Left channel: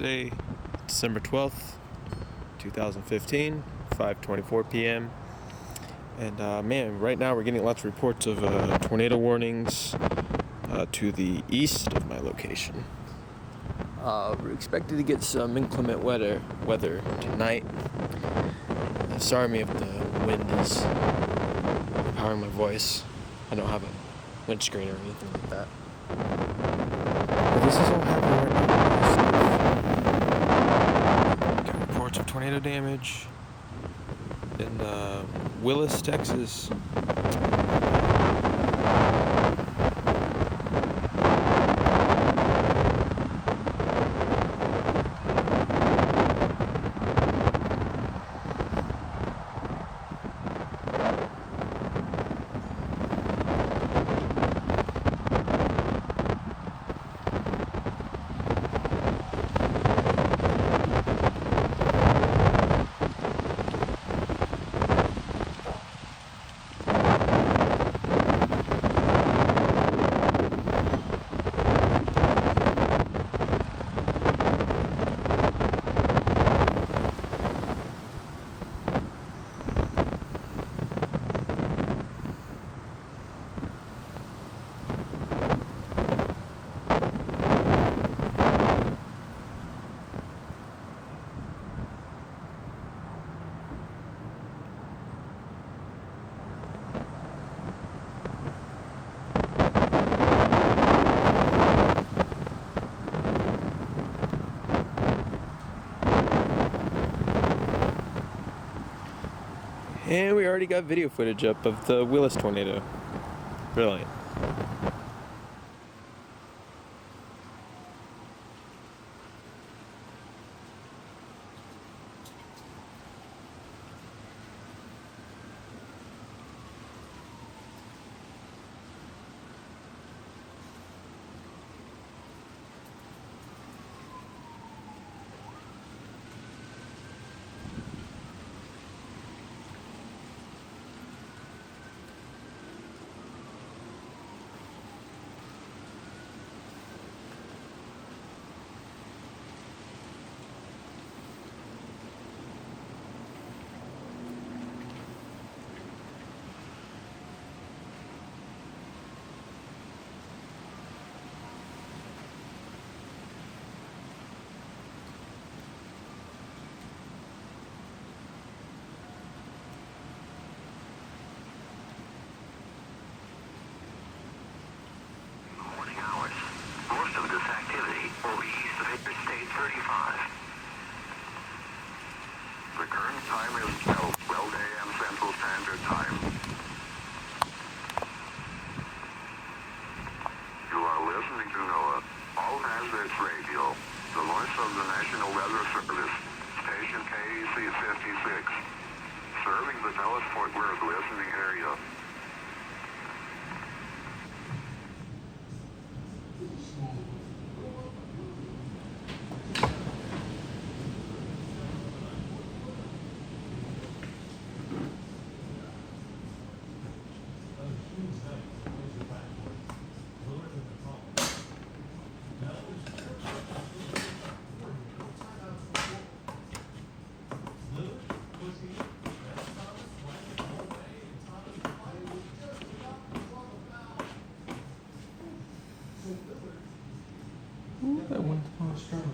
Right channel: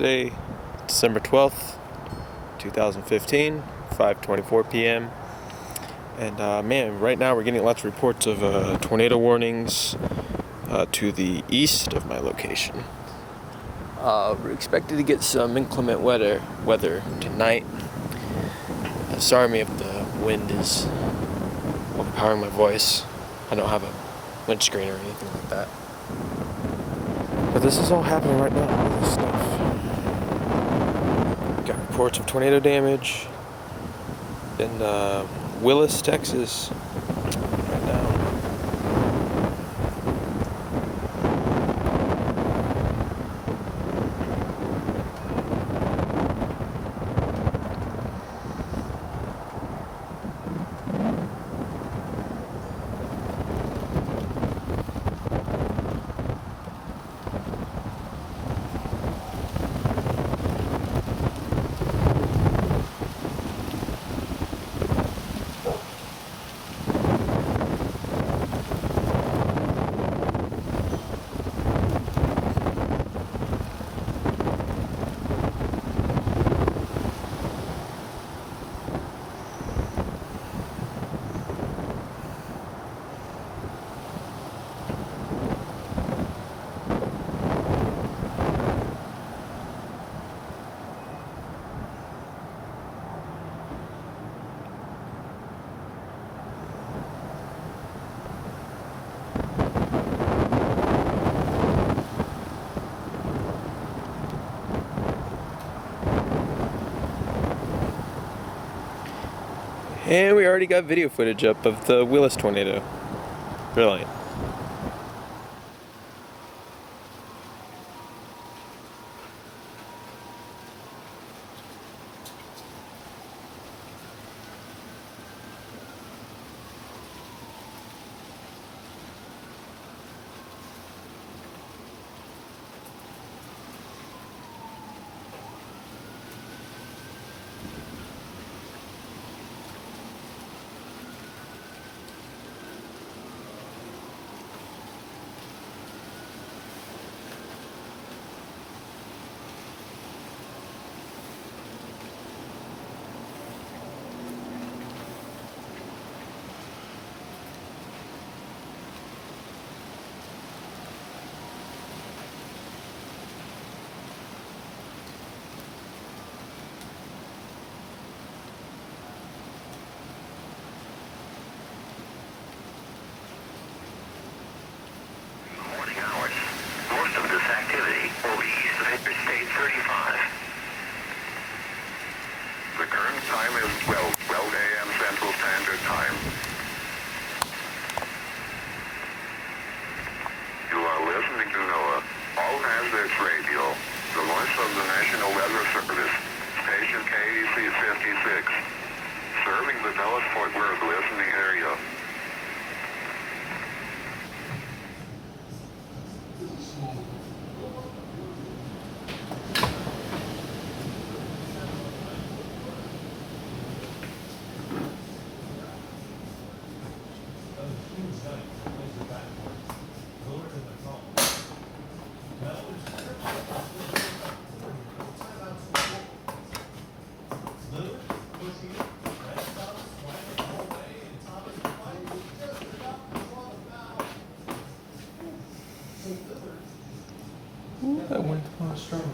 Thursday, December 12th, 2015, 5:24 p.m. And man, right now we're getting lots of reports of tornado warnings to the east of my location. We're expected to get some inclement weather tonight. Sorry if the wind is overpowering my voice. I don't have a windscreen or anything like that. But this is all happening right now. Got reports of tornado damage in Willis, Texas. And we already got video footage up of the Willis tornado. Brilliant. The current time is 12 a.m. Central Standard Time. You are listening to NOAA, All Hazards Radio, the voice of the National Weather Service, station KEC 56, serving the Dallas-Fort Worth listening area. Ooh, that went strong.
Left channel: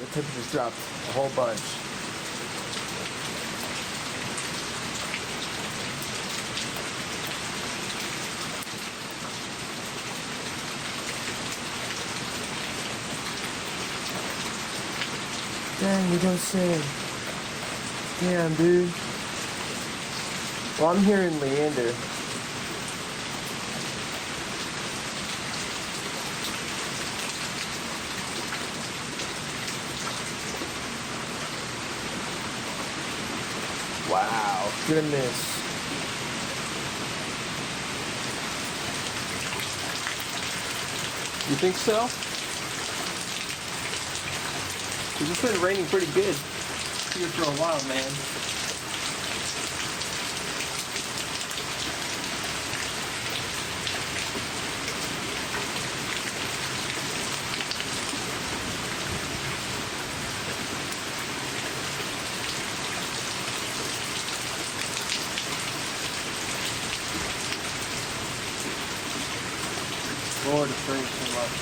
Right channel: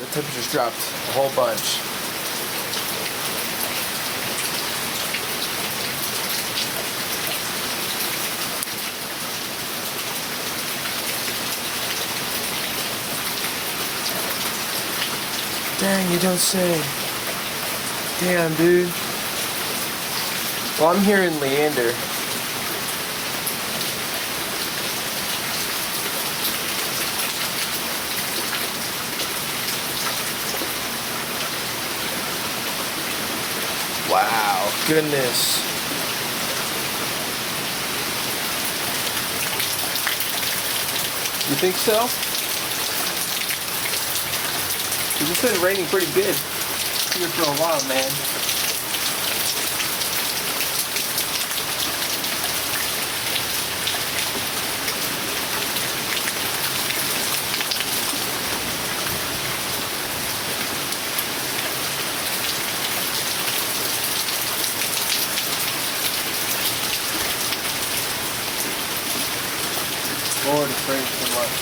the temperature's dropped a whole bunch. Dang, you don't say. Damn, dude. Well, I'm here in Leander. Wow, goodness. You think so? 'Cause it's been raining pretty good here for a while, man. Lord, it's raining so much.